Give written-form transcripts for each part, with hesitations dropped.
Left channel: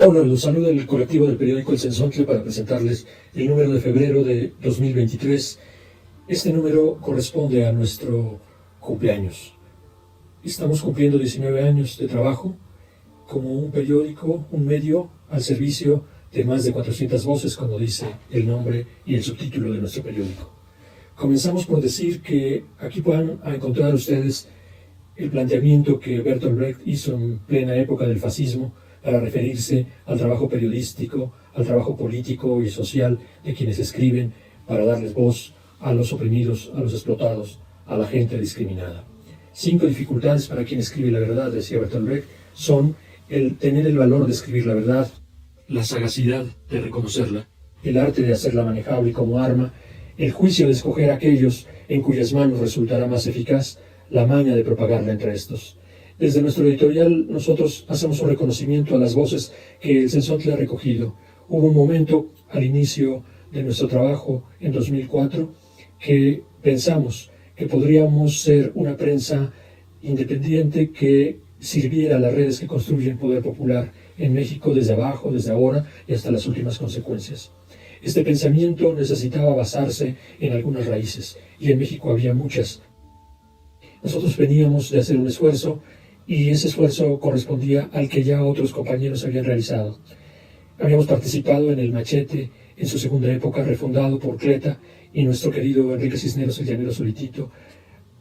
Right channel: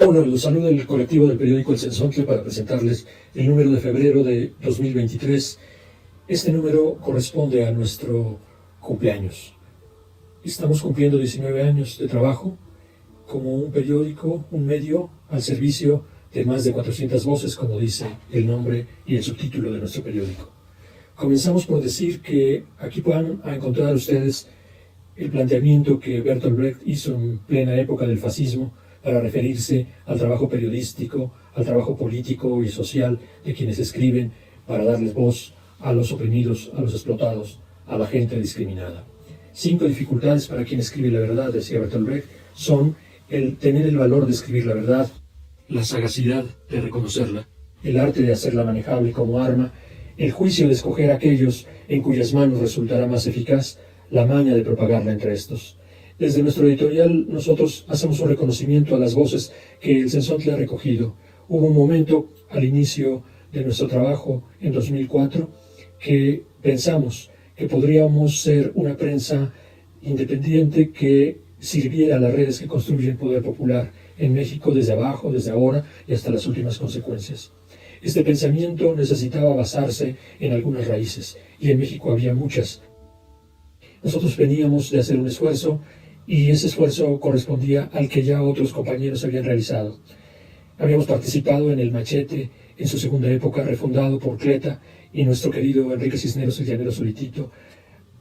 Hola, los saluda el colectivo del periódico El Censontle para presentarles el número de febrero de 2023. Este número corresponde a nuestro cumpleaños. Estamos cumpliendo 19 años de trabajo como un periódico, un medio al servicio de más de 400 voces, como dice el nombre y el subtítulo de nuestro periódico. Comenzamos por decir que aquí puedan encontrar ustedes el planteamiento que Bertolt Brecht hizo en plena época del fascismo para referirse al trabajo periodístico, al trabajo político y social de quienes escriben para darles voz a los oprimidos, a los explotados, a la gente discriminada. 5 dificultades para quien escribe la verdad, decía Bertolt Brecht, son el tener el valor de escribir la verdad, la sagacidad de reconocerla, el arte de hacerla manejable como arma, el juicio de escoger aquellos en cuyas manos resultará más eficaz, la maña de propagarla entre estos. Desde nuestro editorial nosotros hacemos un reconocimiento a las voces que el Censontle ha recogido. Hubo un momento al inicio de nuestro trabajo en 2004 que pensamos que podríamos ser una prensa independiente que sirviera a las redes que construyen poder popular en México desde abajo, desde ahora y hasta las últimas consecuencias. Este pensamiento necesitaba basarse en algunas raíces y en México había muchas. Nosotros veníamos de hacer un esfuerzo y ese esfuerzo correspondía al que ya otros compañeros habían realizado. Habíamos participado en el Machete en su segunda época, refundado por Cleta y nuestro querido Enrique Cisneros, el llanero solitito,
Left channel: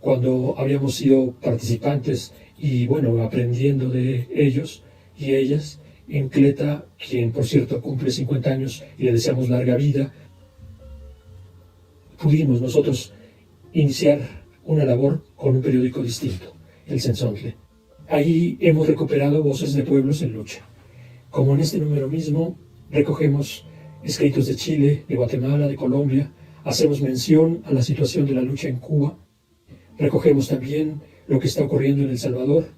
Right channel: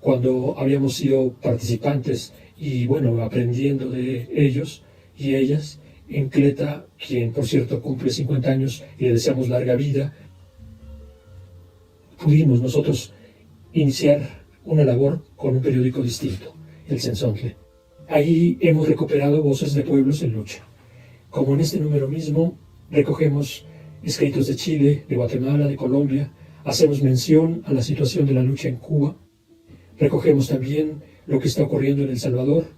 cuando habíamos sido participantes y aprendiendo de ellos y ellas. En Cleta, quien por cierto cumple 50 años y le deseamos larga vida, pudimos nosotros iniciar una labor con un periódico distinto, el Censontle. Ahí hemos recuperado voces de pueblos en lucha. Como en este número mismo, recogemos escritos de Chile, de Guatemala, de Colombia, hacemos mención a la situación de la lucha en Cuba, recogemos también lo que está ocurriendo en El Salvador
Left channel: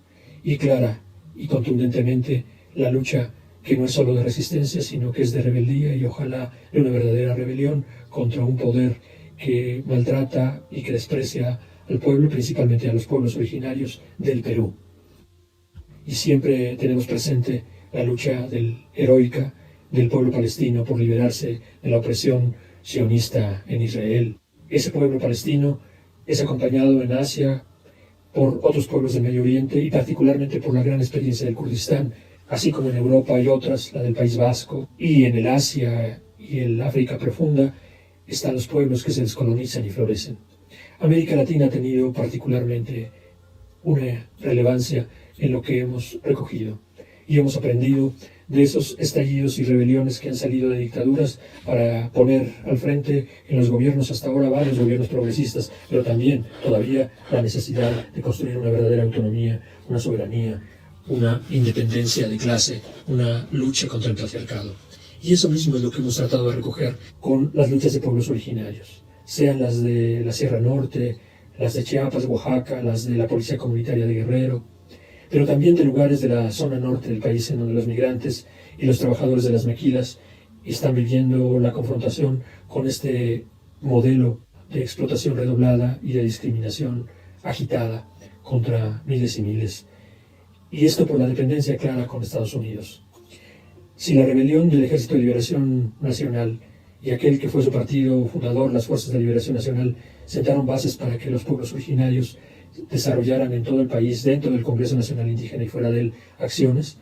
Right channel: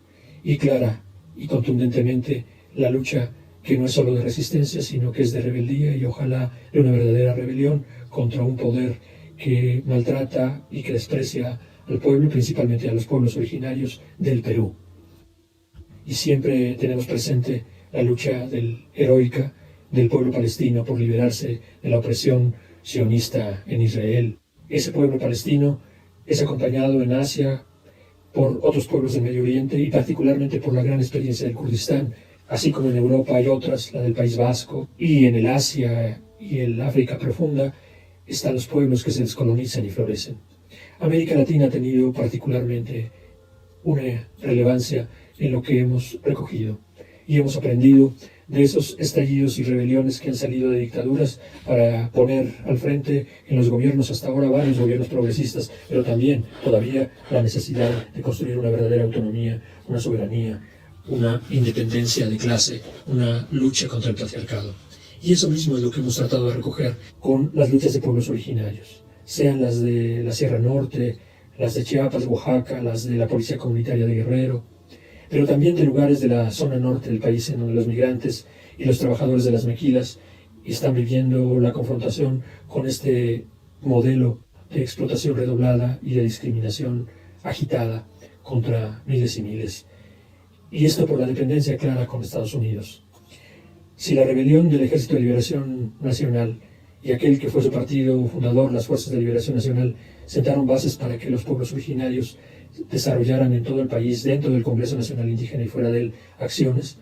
y clara y contundentemente la lucha que no es solo de resistencia, sino que es de rebeldía y ojalá de una verdadera rebelión contra un poder que maltrata y que desprecia al pueblo, principalmente a los pueblos originarios del Perú. Y siempre tenemos presente la lucha heroica del pueblo palestino por liberarse de la opresión sionista en Israel. Ese pueblo palestino es acompañado en Asia por otros pueblos del Medio Oriente y particularmente por la gran experiencia del Kurdistán, así como en Europa hay otras, la del País Vasco, y en el Asia y el África profunda están los pueblos que se descolonizan y florecen. América Latina ha tenido particularmente una relevancia en lo que hemos recogido y hemos aprendido de esos estallidos y rebeliones que han salido de dictaduras para poner al frente en los gobiernos hasta ahora varios gobiernos progresistas, pero también todavía la necesidad de construir una verdadera autonomía, una soberanía, una independencia de clase, una lucha contra el patriarcado. Y eso mismo es lo que hemos tratado de recoger con las luchas de pueblos originarios, sean las de la Sierra Norte, las de Chiapas, Oaxaca, las de la Policía Comunitaria de Guerrero, pero también de lugares de la zona norte del país en donde los migrantes y los trabajadores de las maquilas están viviendo la confrontación con este modelo de explotación redoblada y de discriminación agitada contra miles y miles. Y esto por la dependencia clara con Estados Unidos. Si la rebelión del Ejército de Liberación Nacional y aquel que fue su partido fundador, las Fuerzas de Liberación Nacional, sentaron bases para que los pueblos originarios desarrollaran en todo el país, dentro del Congreso Nacional Indígena y fuera de él, acciones,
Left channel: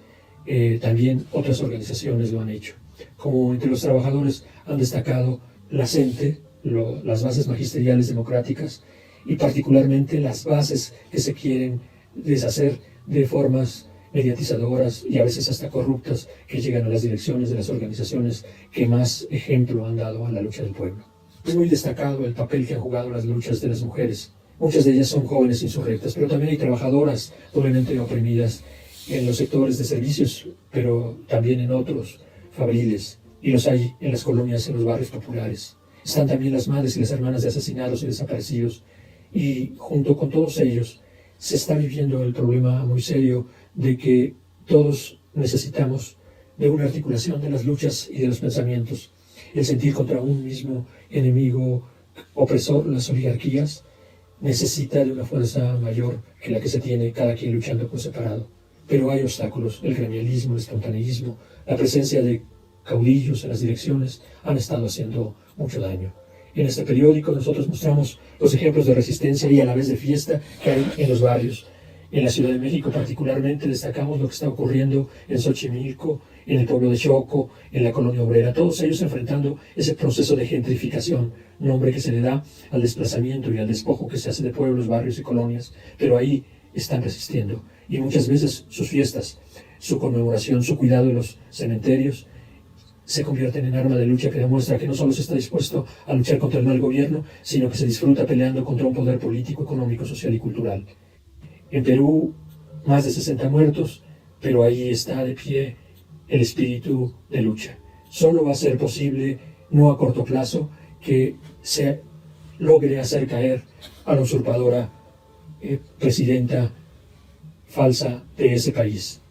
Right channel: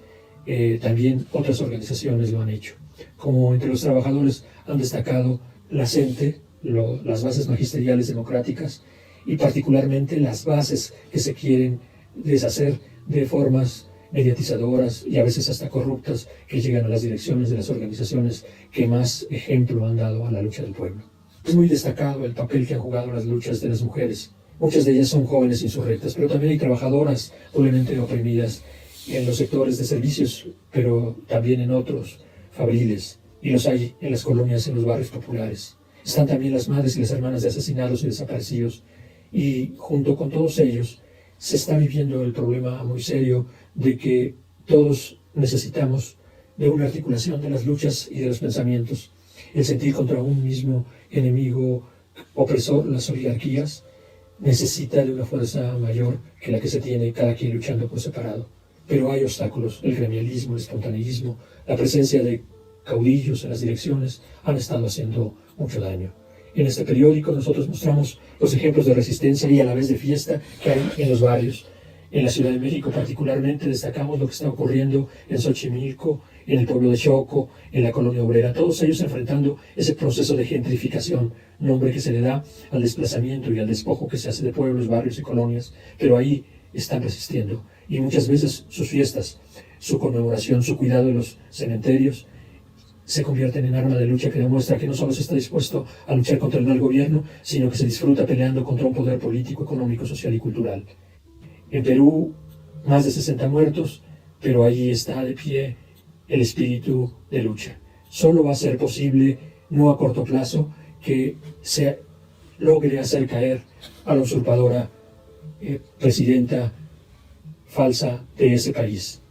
también otras organizaciones lo han hecho. Como entre los trabajadores han destacado la CENTE, las bases magisteriales democráticas y particularmente las bases que se quieren deshacer de formas mediatizadoras y a veces hasta corruptas que llegan a las direcciones de las organizaciones que más ejemplo han dado a la lucha del pueblo. Es muy destacado el papel que han jugado las luchas de las mujeres. Muchas de ellas son jóvenes insurrectas, pero también hay trabajadoras doblemente oprimidas en los sectores de servicios, pero también en otros fabriles, y los hay en las colonias, en los barrios populares. Están también las madres y las hermanas de asesinados y desaparecidos, y junto con todos ellos se está viviendo el problema muy serio de que todos necesitamos de una articulación de las luchas y de los pensamientos, el sentir contra un mismo enemigo opresor, las oligarquías, necesita de una fuerza mayor que la que se tiene cada quien luchando por separado. pero hay obstáculos. El gremialismo, el espontaneísmo, la presencia de caudillos en las direcciones han estado haciendo mucho daño. En este periódico nosotros mostramos los ejemplos de resistencia y a la vez de fiesta que hay en los barrios. En la Ciudad de México particularmente destacamos lo que está ocurriendo en Xochimilco, en el pueblo de Choco, en la colonia obrera, todos ellos enfrentando ese proceso de gentrificación, nombre que se le da al desplazamiento y al despojo que se hace de pueblos, barrios y colonias, pero ahí están resistiendo. Y muchas veces sus fiestas, su conmemoración, su cuidado de los cementerios, se convierten en arma de lucha que demuestra que no solo se está dispuesto a luchar contra el mal gobierno, sino que se disfruta peleando contra un poder político, económico, social y cultural. En Perú, más de 60 muertos, pero ahí está de pie el espíritu de lucha. Solo va a ser posible, no a corto plazo, que se logre hacer caer a la usurpadora presidenta falsa de ese país.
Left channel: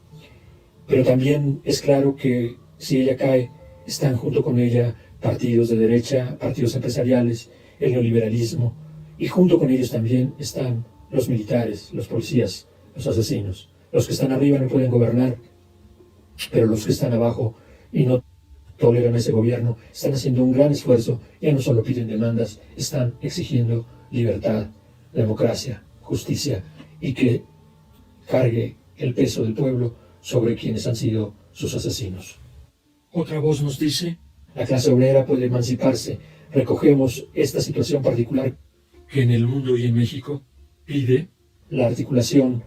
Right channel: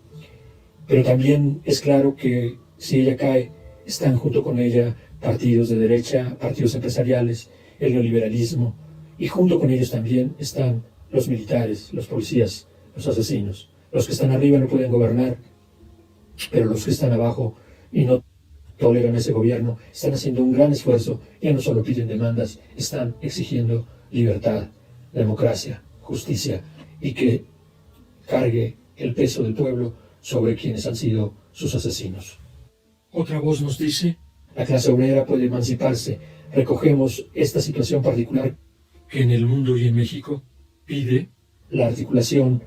Pero también es claro que si ella cae, están junto con ella partidos de derecha, partidos empresariales, el neoliberalismo, y junto con ellos también están los militares, los policías, los asesinos. Los que están arriba no pueden gobernar, pero los que están abajo y no toleran ese gobierno están haciendo un gran esfuerzo. Ya no solo piden demandas, están exigiendo libertad, democracia, justicia y que cargue el peso del pueblo sobre quienes han sido sus asesinos. Otra voz nos dice, la clase obrera puede emanciparse. Recogemos esta situación particular que en el mundo y en México pide la articulación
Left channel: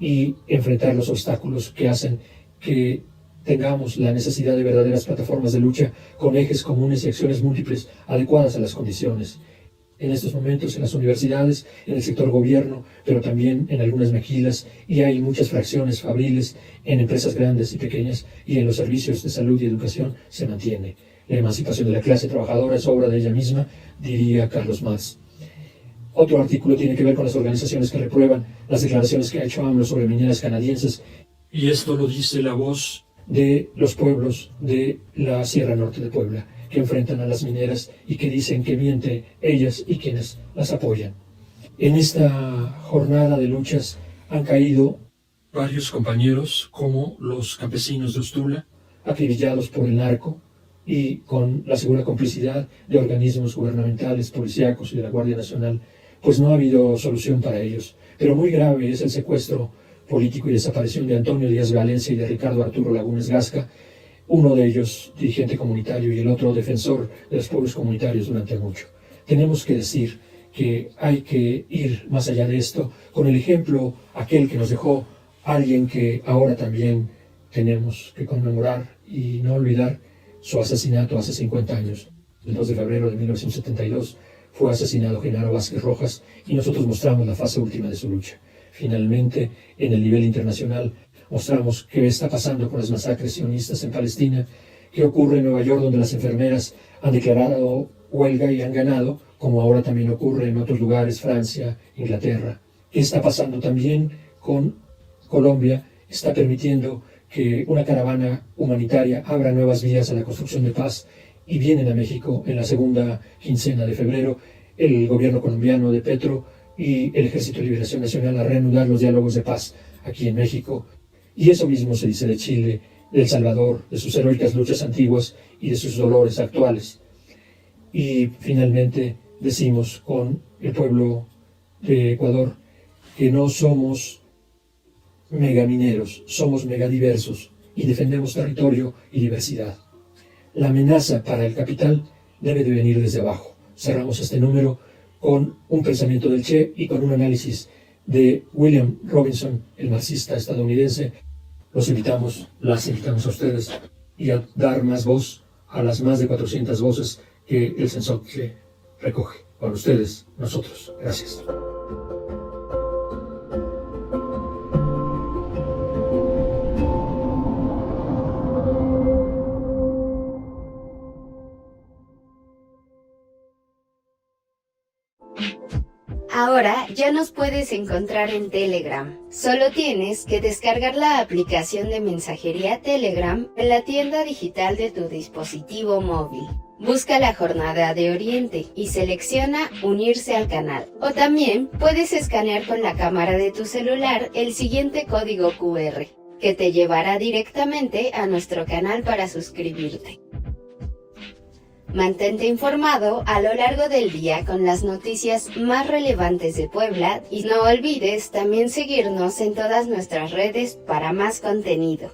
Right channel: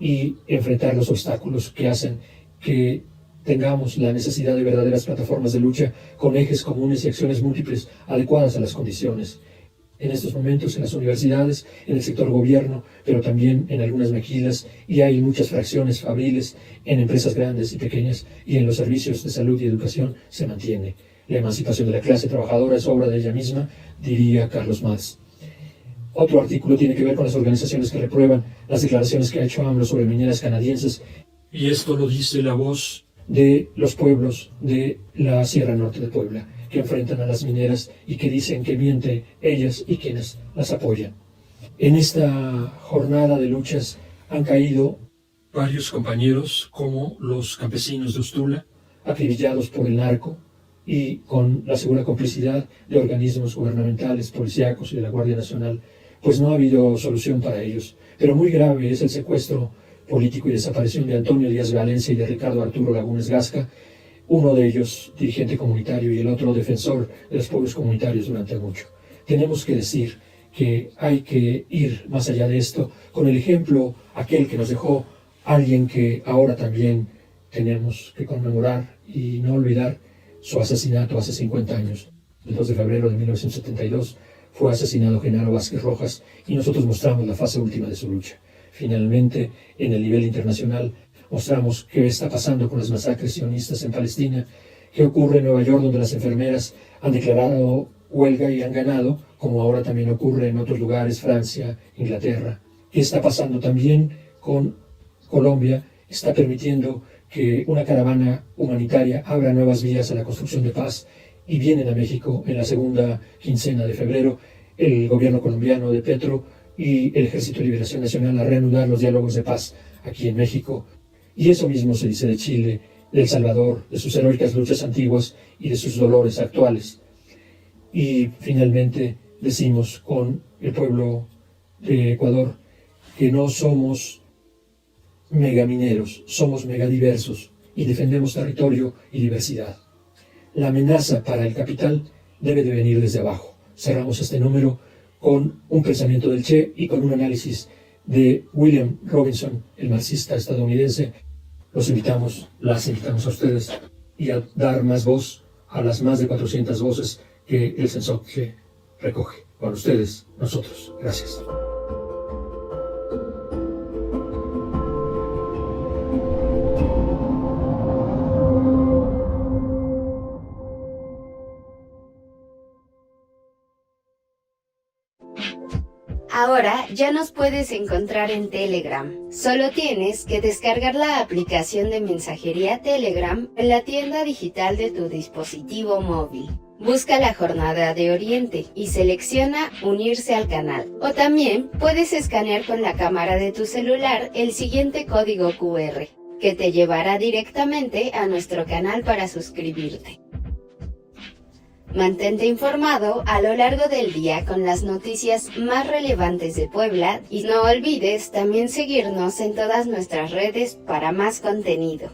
y enfrentar los obstáculos que hacen que tengamos la necesidad de verdaderas plataformas de lucha con ejes comunes y acciones múltiples adecuadas a las condiciones. En estos momentos en las universidades, en el sector gobierno, pero también en algunas maquilas, y hay muchas fracciones fabriles en empresas grandes y pequeñas, y en los servicios de salud y educación se mantiene. La emancipación de la clase trabajadora es obra de ella misma, diría Carlos Marx. Otro artículo tiene que ver con las organizaciones que reprueban las declaraciones que ha hecho AMLO sobre mineras canadienses, y esto lo dice la voz de los pueblos de la Sierra Norte de Puebla, que enfrentan a las mineras y que dicen que mienten ellas y quienes las apoyan. En esta jornada de luchas han caído varios compañeros, como los campesinos de Ustula, acribillados por el narco y con la segura complicidad de organismos gubernamentales, policíacos y de la Guardia Nacional, pues no ha habido solución para ellos. Pero muy grave es el secuestro político y desaparición de Antonio Díaz Valencia y de Ricardo Arturo Lagunes Gasca, uno de ellos dirigente comunitario y el otro defensor de los pueblos comunitarios durante mucho. Tenemos que decir que hay que ir más allá de esto con el ejemplo aquel que nos dejó alguien que ahora también tenemos que conmemorar y no olvidar su asesinato hace 50 años. El 2 de febrero de 1972 fue asesinado Genaro Vázquez Rojas y nosotros mostramos la fase última de su lucha. Finalmente, en el nivel internacional, mostramos qué está pasando con las masacres sionistas en Palestina, qué ocurre en Nueva York, donde las enfermeras han declarado huelga y han ganado, como ahora también ocurre en otros lugares, Francia, Inglaterra. ¿Qué está pasando también con Colombia? Está permitiendo que una caravana humanitaria abra nuevas vías a la construcción de paz y vienen a México en la segunda quincena de febrero el gobierno colombiano de Petro y el Ejército de Liberación Nacional a reanudar los diálogos de paz aquí en México. Y eso mismo se dice de Chile, de El Salvador, de sus heroicas luchas antiguas y de sus dolores actuales. Y finalmente decimos con el pueblo de Ecuador que no somos megamineros, somos megadiversos y defendemos territorio y diversidad. La amenaza para el capital debe de venir desde abajo. Cerramos este número con un pensamiento del Che y con un análisis de William Robinson, el marxista estadounidense. Las invitamos a ustedes y a dar más voz a las más de 400 voces que el Sensontle recoge. Con ustedes, nosotros. Gracias. Ahora ya nos puedes encontrar en Telegram. Solo tienes que descargar la aplicación de mensajería Telegram en la tienda digital de tu dispositivo móvil. Busca la Jornada de Oriente y selecciona Unirse al canal. O también puedes escanear con la cámara de tu celular el siguiente código QR. que te llevará directamente a nuestro canal para suscribirte. Mantente informado a lo largo del día con las noticias más relevantes de Puebla y no olvides también seguirnos en todas nuestras redes para más contenido.